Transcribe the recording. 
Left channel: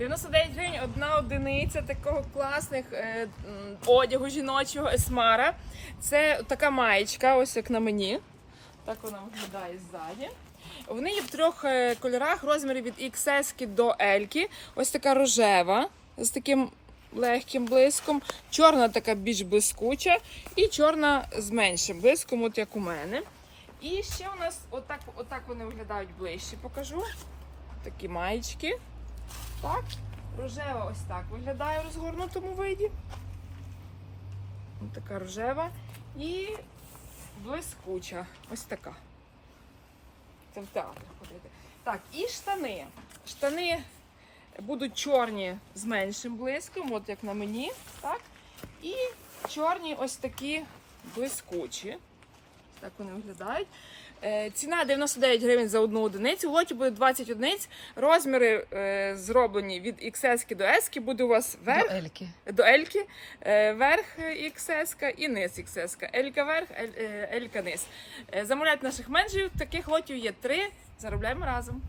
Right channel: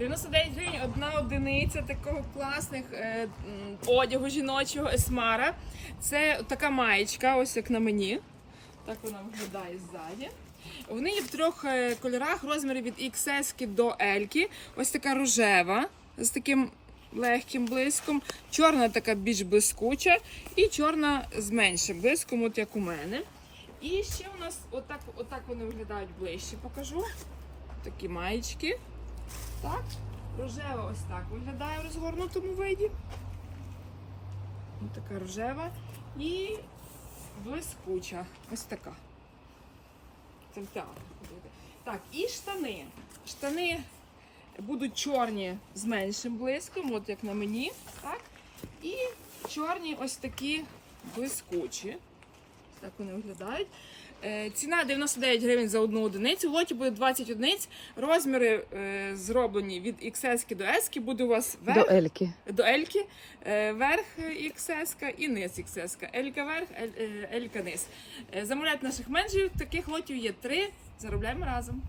99 гривень одна одиниця такого класних е, одягу жіночого есмара. Це така маєчка, ось як на мені. Так вона виглядає ззаді. Вони є в трьох е, кольорах, розмірі від XS до L. Ось така рожева з таким легким блиском, чорна така більш блискуча, і чорна з меншим блиском, от як у мене. І ще у нас отак, отак вони виглядають ближче, покажу. Такі маєчки. Так, рожева ось так виглядає в розгорнутому виді. Ось така рожева і блискуча. Ось така. Це в театр. Так, і штани. Штани будуть чорні з меншим блиском, от як на мені. Так? І чорні ось такі блискучі. Так вони виглядають. Е, Ціна 99 гривень за одну одиницю. В лоті буде 20 одиниць. Розміри е, зроблені від XS до S. Буде у вас верх До Ельки. до Ельки, е, верх XS і низ XS. Елька верх, е, Елька низ. Е, Замовляйте наших менеджерів. Таких лотів є три. Заробляємо разом.